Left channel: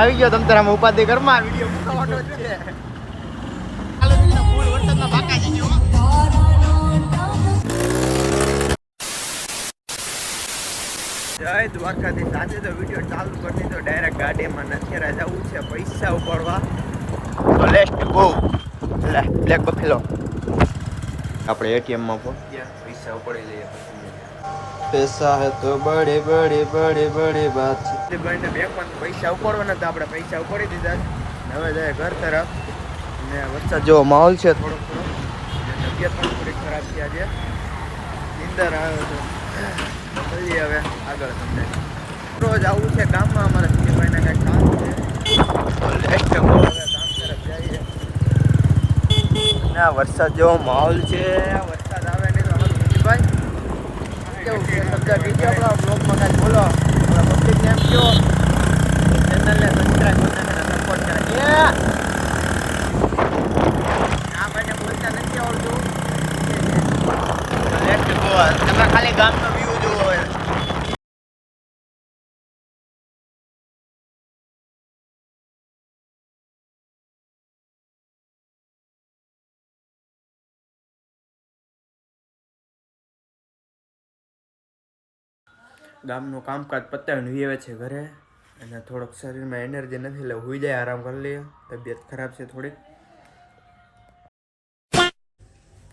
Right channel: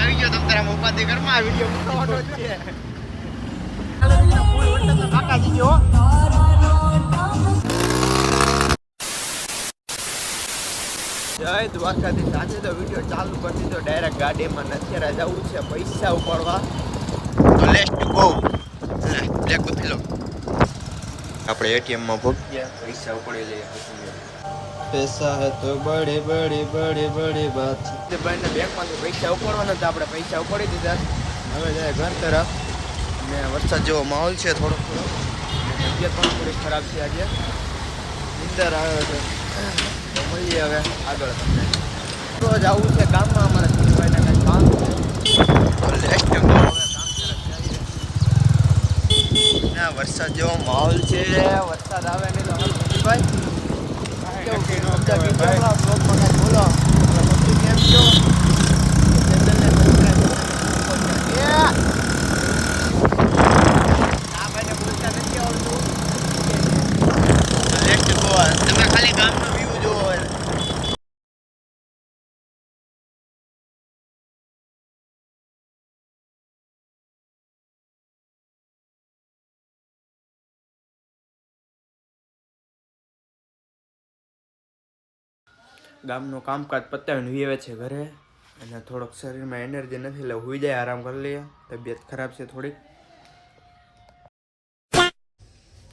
આવી ગયો તમ તારા ઉપાધિ ઘરમાં વિડિયો મૂકવાનો જ છે. ચાલો દીકરા ફૂલ વરસાદમાં પાકા જઈ ગયો. જય દ્વારકાધીશ. આજે તો વિડિયો ચાલુ કરી દીધો ડાયરેક્ટ ગાડીમાં. અત્યારે જવું છે પૈસા ઉપાડવા. તો લેટ્સ ગો. બ્લેક બફેલો આપણે એટીએમ માં ભૂકી ગયા, પૈસા ઉપાડી લઈએ પછી. પૈસા હે તો બડે બડે બડે બડે બાત છે. ભાઈને બેંકમાંથી પૈસા ઉપાડવાના હતા, આપણે પૈસા ઉપાડી દીધા. હવે જાય ઘર તરફ. ને વરસાદ જેવો માહોલ છે થોડો થોડો, ને તબિયત પણ થોડી ખરાબ છે. આજે નીંદર આવ્યો છે. તો મળીએ હવે આગળ તમને. રોજ આવું છે ગામમાં, અમારા સિંહભાઈને કાંઈક કામ છે. તો લેસ્ટ હવે ગામ તરફ જઈએ. ના વરસાદ જેવો માહોલ છે, વરસાદ આવે નહીં તો હારું. સિંહભાઈ કેવું છે શબ્દ કીધો આપણા બ્લોગમાં કાંઈક બોલો. હવે પબ્લિકને એમ કહો કે ચેનલને સબસ્ક્રાઈબ કરીને સપોર્ટ કરે. આ ભાઈને બોલતા નથી આવડતું. તમે ખાલી ગામનો વ્યૂ જોવો. ગામનું કામકાજ પતાવીને વિવે છે ઘરે, અને થોડોક શરીરમાં એનર્જી નથી એટલે હુઈ જાય, આરામ કરી લઈએ. તબિયત ખરાબ છે થોડીક.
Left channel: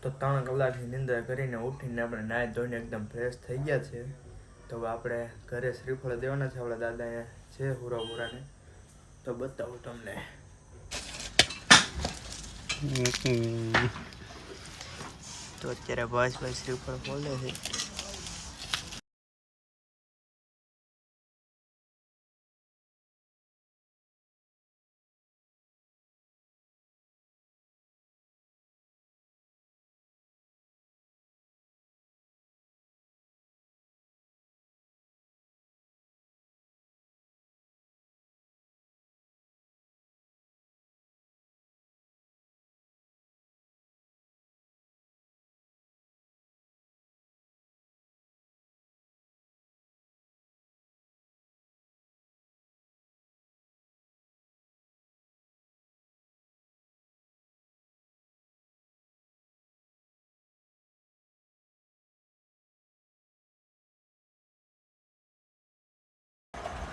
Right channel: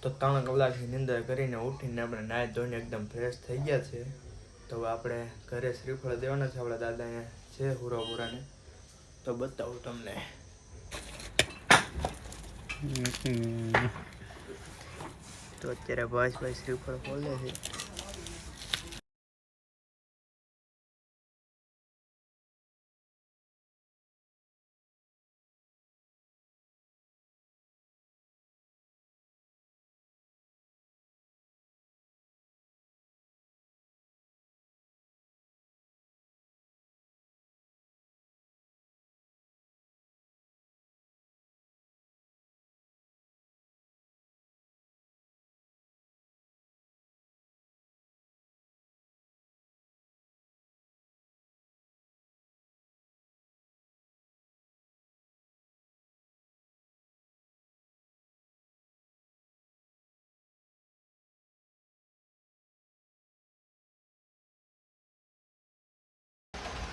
તો 3 કલાકની નિંદર કરીને ઉઠીને આપણે નાહી ધોઈને એકદમ ફ્રેશ થઈ ગયા છે. તો હવે આપણે ઘરે શ્રીફળ દેવાના છે આપણા દાદાને છે હુરાપુરાને. તો બતાવું તમને. તો અત્યારે ભાઈ શ્રીફળ ખોલે છે.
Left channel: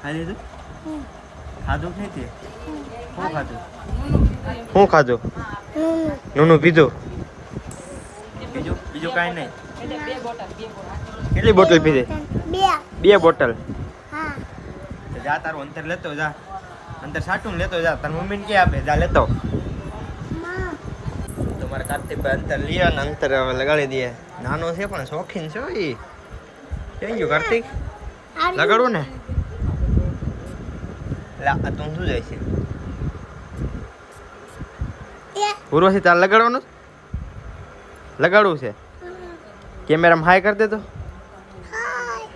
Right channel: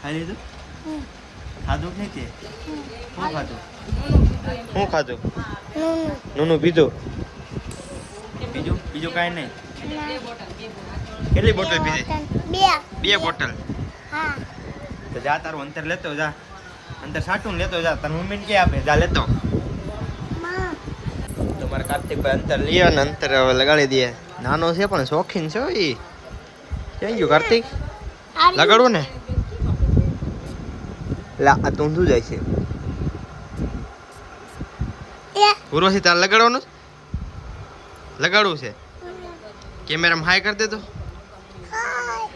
ખાલી તું ખાધું કે નહીં? તે શું ખાધું? શું ખાધું? નૂનું પીધું? બીજું કાંઈ નહીં? કેટલી બોટલ પીધી? 2 બોટલ. જા તારું અંતર લેતો જા, અંતર સાટું લેતો જા. તાર મમ્મીને કે આપે જા લેતો. તો મારા કાર્તિકભાઈ અંતર લઈએ અને અંતર હવે લગાડી દઈએ. નાનો છે પણ શોખીન છે. એ ક્યાં ગયું કાર્તિક? લગાડવું ને? લા આ તું શું જાય છે? ઉર્વશી તાર લગાડવાનું? લગાડવું છે? કેમેરામાં હાય કરી દે તો.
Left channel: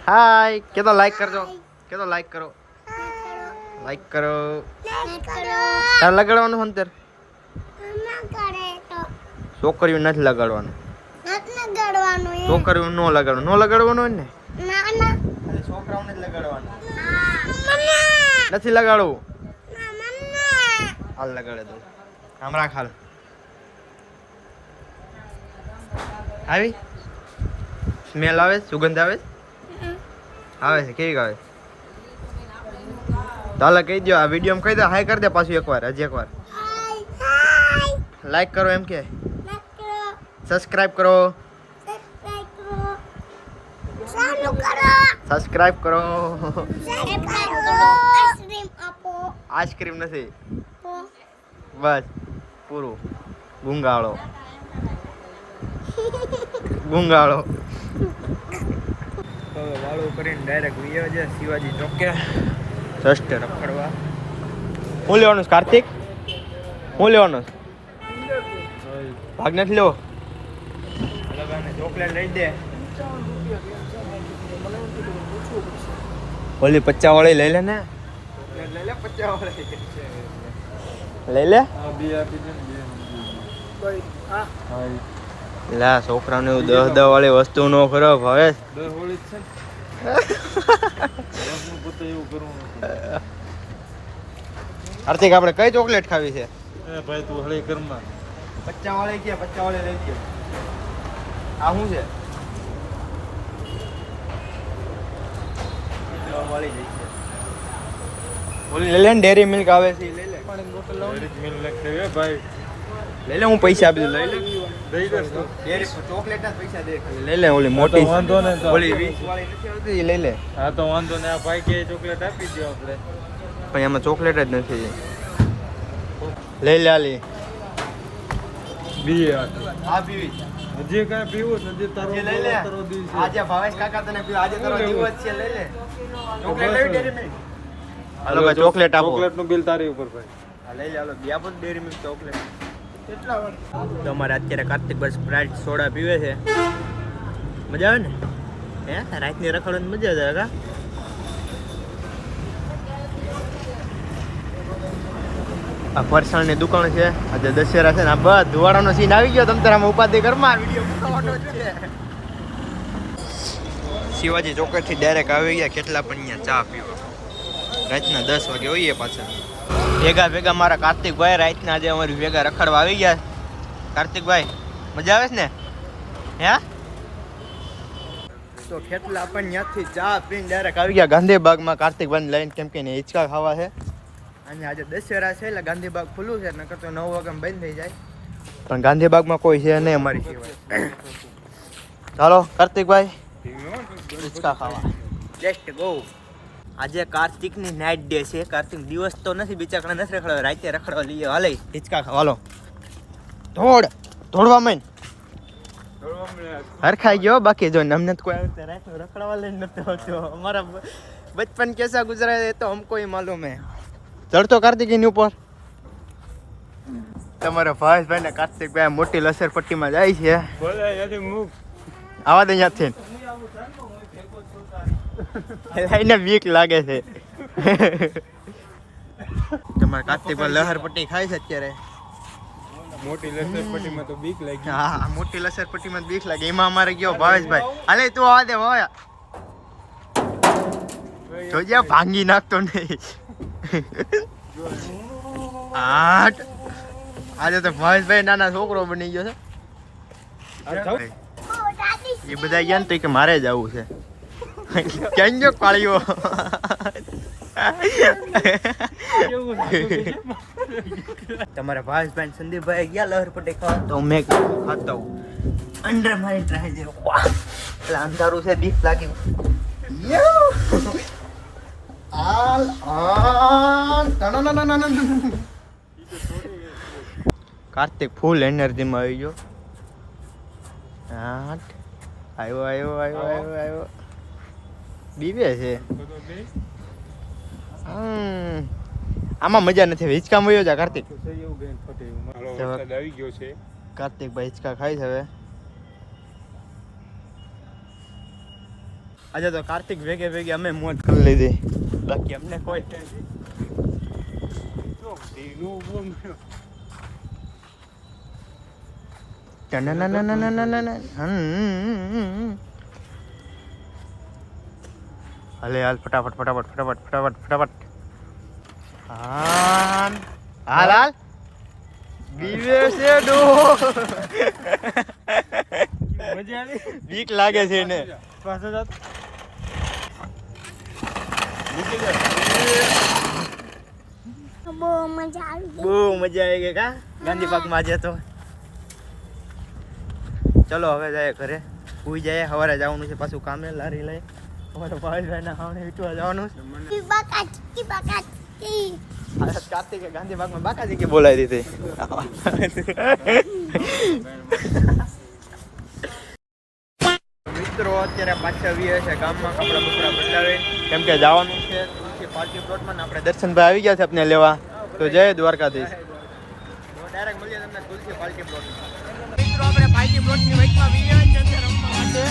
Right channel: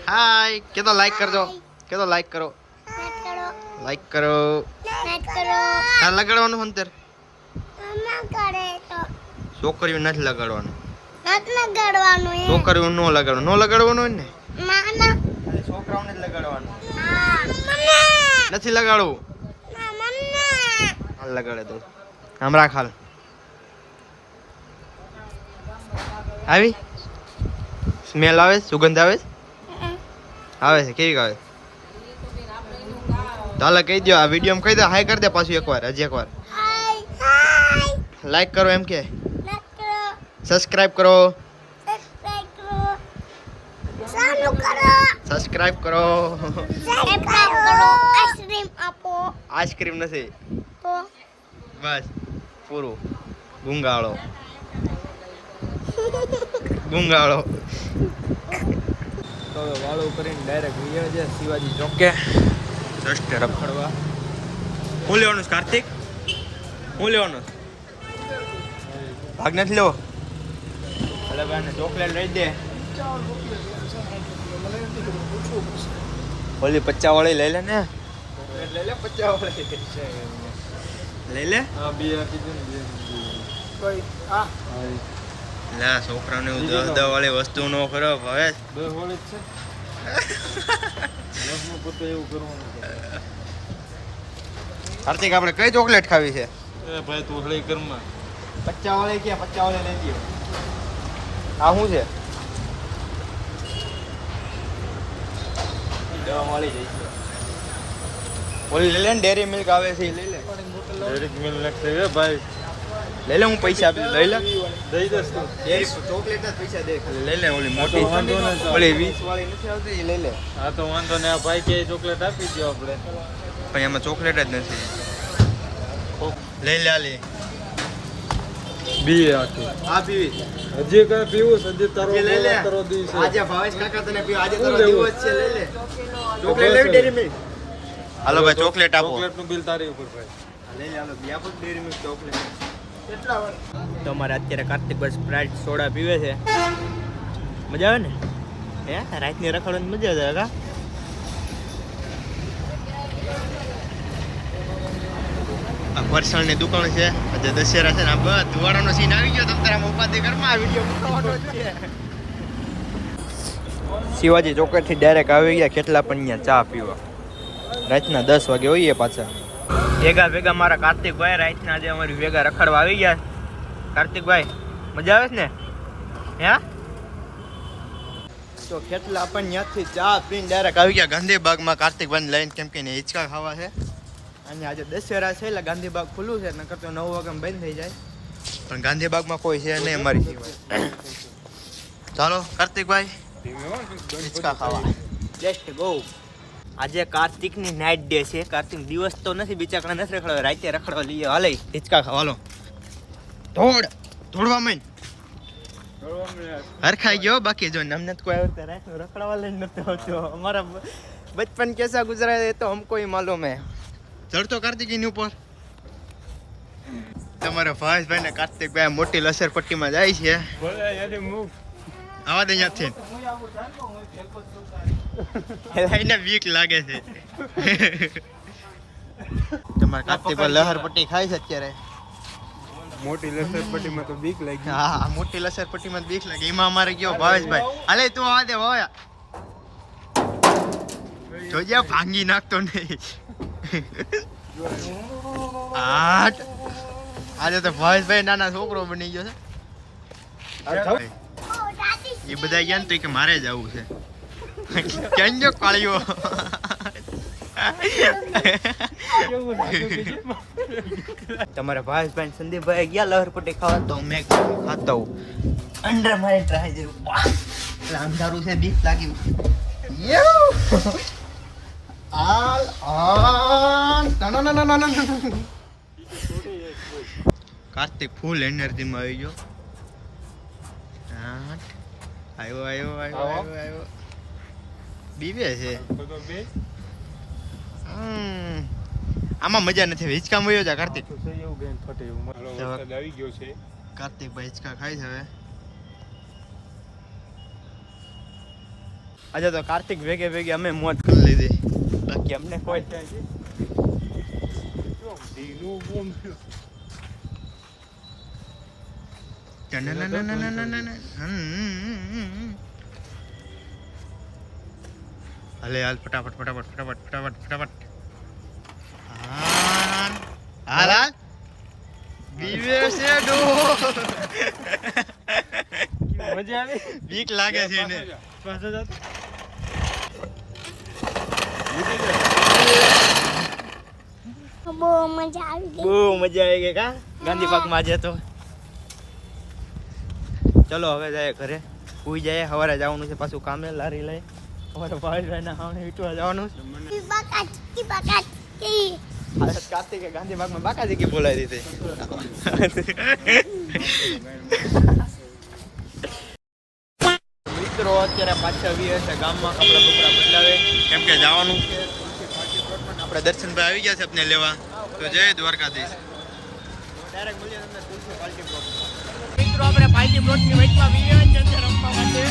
હાય કે તો લાઈક કરજો. કે તો લાઈક કરો. લાઈક કરો. તાર લગાડવાનું અંતર? છોકરીઓ નથી લગાડવાનું. છોકરીઓ નો લગાડવાનું. નો લગાડવાનું હોય ને? ખાલી છોકરાઓને જ લગાડવાનું. નથી લગાડવું. હાલ લગાડે તો હમણાં ખાલ આવી સ્મેલ આવે, સુગંધ આવે. આવે છે? કેવી આવે? તો હાલ કહી દો. આ વિડીયોમાં કહી દો. હાય કરી દે પાછું એકવાર, હજી એકવાર. લાઈક કરો એમ કે સબસ્ક્રાઇબ કરો. સબસ્ક્રાઇબ કરો. આઈસ્ક્રીમ નથી બસ પૂરું. ગુંગાળો ગુંગાળો. તો હવે વાળું કરીને ડાયરેક્ટ વિયો છે શિવાજી ચોકે રસ્તે રખડવા. શું લેવાનું કાર્તિક? શું લેવાનું? ભાગ નથી લેવો? એટલે ભાઈને ચોકલેટ લઈ દે. ઓલી 50 વાળી લઈ લે ને. ચોકલેટ લઈ લે 50 વાળી લઈ લે. લા છોકરાને 10 વાળી વસ્તુ નો કરો ભાવે. 10 વાળી જ છે. કાર્તિક આપણે કઈ ચોકલેટ ખાવી છે? એ ભાઈ તું હળી ઘરમાં 50 વાળી કે 50 વાળી લઈ લ્યો. આ શું છે? દવા વાળી લઈ છે. ઓલી લઈ લે ને, ડેરી મિલ્ક આવે છે એ લઈ લે. ડેરી મિલ્ક લખશે એ ભાઈ. લઈ લે, હું પૈસા આપી દઉં. લઈ લે, દઈ દસ તું. ડેરી ચોકલેટ ના પૈસા દે. લઈ લે ઓલી મોટી વાંધો નહીં. ઓલી 20 વાળી નથી આવતી એ લઈ લે. હા તો વાંધો નહીં, ભાઈ કે ચોકલેટ આપી દો આપણે. પણ એમાં ચોકલેટ જ નથી. લઈ લે આલી. બી આખી આ પીવી. હજી કઈ પીવું સંદીપ તારો લઈ લે. તારો દિવસ છે. આજે ભાવેશ કાકા તને પીવું. આજે તારો શું લેવું? દિવસ છે. લઈ લે. ચોકલેટ લેવી ડેરી મિલ્ક. હાલો ભાઈ ચોકલેટ આપો. ચોકલેટનું બિલ તારી ઉપર ભાઈ. હા લઈ લે. હાલો બી આપો ડેરી મિલ્ક ચોકલેટ. કેટલા વાર તો અમારે અત્યારે કાર્તિકભાઈ સ્પ્રાઇટ સોડા પીવે છે. મજા આવે ને? હે રાતની રખડવાની મજા આવે કા? આ ફરસાણની દુકાન છે. આજે દશેરા છે ને આ બસ ધુવાડાનો સીન આવી ગયો. તમ તારા ઉપાધિ ઘરમાં વિડીયો મૂકવાનો છે. શિવાજી ચોકડથી ડાયરેક્ટ આવી ગયા. કેટલા પણ અહીંયા ચા પીવા. રાતના 10 વાગે હોઈએ પાછા. ભેગા મારા કાર્તિકભાઈ રાતના આજે અમારી ભેગા રખડવા આવી ગયા. કાર્તિકભાઈ મજા આવે છે ને? હે તો કેટલા પણ ત્યાંથી ચા પીને ડાયરેક્ટ આવી ગયા ગાંધીબાગમાં કાર્તિકભાઈને લઈને. કેમ કે એને હિંચકા ખાવા છે અને આજે દશેરા છે એટલે ગાંધીબાગ ખુલ્લું છે. નકર તો 9 વાગે બંધ થઈ જાય. પણ ગાંધીબાગમાં કોઈ છે નહીં અમારી સિવાય. ચાલો કાર્તિકભાઈ હિંચકા ખાવા. Let's go. આજે કાર્તિકની નાઇટ ડે છે. કાર્તિક દિવસ તો નથી, બિચારા નથી રખડવા, રાતે રખડવા લઈએ. હાલે હિંચકા ખાવાલો. દોડવા માંડ. હરખાઈ ગયો. બાકી જો અમને તો કોઈ આવતા રાત રખડવા લઈને નથી આવતો. અમારા બચપન કેસા ગુજરા એ તો હમકો ही मालूम है. ચડતો કાર્તિકની ઉપર. તમારા ભાવેશભાઈ ને કાર્તિકભાઈ મોટી લસર પટ્ટીમાં જાય છે. આવા દે ત્યાંથી. એને બીક લાગે છે. તમારા કાર્તિકભાઈ લહર પટ્ટી ખાય છે અત્યારે. મોટી લસરપટ્ટીમાં તો બીક લાગી. હા મોટી લસર પટ્ટીમાં બીક લાગે. એમાં અમારે ગયો ભાવેશભાઈ. હાલે તું આવા દે ભાવ્યા. જોજે ભાંગી નાખતો નહીં. આજે તો ભાવેશભાઈ નાના છોકરો બની ગયો છે. એ બધા ગયા ને તો કે મારે જ આવું છે. ક્યાં ગયો કાળિયો? તમારા ભાવેશભાઈ સંદીપભાઈ ગયા લહરપટ્ટી ખાવા તો મેં ખાતો અંડર મારી ટ્રાય દે. અંધારું છે, બીક લાગી. કાર્તિક ફૂલ એનર્જીમાં આવી ગયો. આવ્યો બીવે છે. આમાં મજા નથી. હિંચકા મળ્યો છે કાર્તિક. કાર્તિકભાઈ હિંચકા ખાય છે હવે. આજે તો કાર્તિક ભેગે અમે મોજ કરી લીધી. બાકી અમને કોઈ હાલે હાલ ફટાફટ. હાલ બીવે છે ડો. બીક લાગે છે એને. બહુ મજા આવી ગઈ કા ગાંધીબાગમાં આજે તો. ચલો હવે જાય ઘરે, સુઈ જાય. સવારે જવાનું છે પાછું કામે, લારી લઈ. અમારા ભાવેશભાઈ ના સામે વીટવા જવાનું છે. કાર્તિકે ગાંધીબાગમાં બાકાજી કે બોલાવી દીધી. મિત્રો અત્યારે પાછા આવીએ છે ગામમાં. કપડા બપડા બદલાવે કેમ કે જવાનું છે તુલસી પાર્ટી પ્લોટમાં. આપણે દર્શનભાઈ આવી ગયા છે આપણે લેવા. તો જય દ્વારકાધીશ. ડાયરેક્ટ મળીએ તમને તુલસી પાર્ટી પ્લોટમાં. મિત્રો આપણે પાર્ટી પ્લોટની વચમાં આવીએ છીએ રમવા માટે.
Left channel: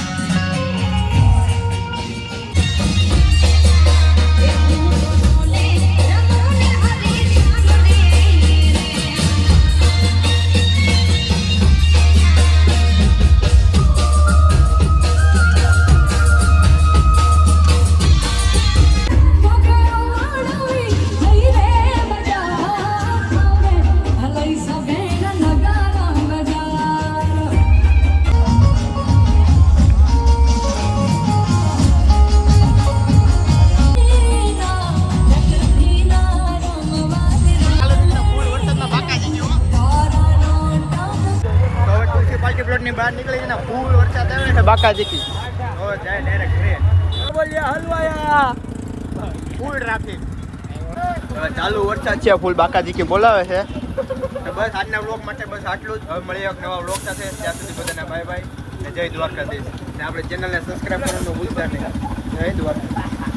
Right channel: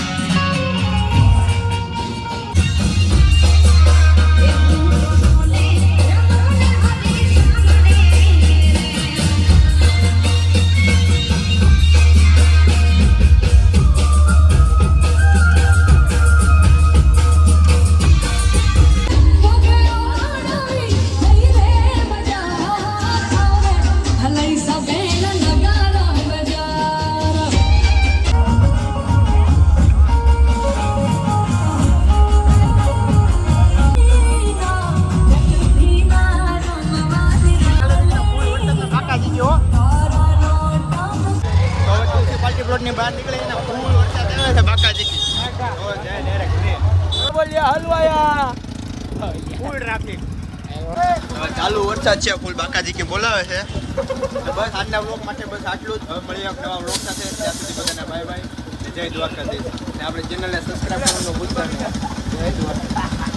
મ્યુનિસિપાલિટી પ્લોટની બહાર નીકળી ને ફૂલ વરસાદ આવે છે બાકાજી તો જાય ડાયરેક્ટ ઘરે બોલ્યા હલવાયા ફૂલ ટ્રાફિક ચાલુ વરસાદ છે ફૂલ બાકાજી કે બોલાવે છે તો બસ આજના વ્લોગ માટે બસ આટલું જ હવે મળીએ એક નવા વ્લોગ સાથે ત્યાં સુધી બધાને બાય બાય ને જય દ્વારકાધીશ ને આપણે ચેનલને સબસ્ક્રાઈબ કરવાનું ભૂલતા નહીં જય દ્વારકાધીશ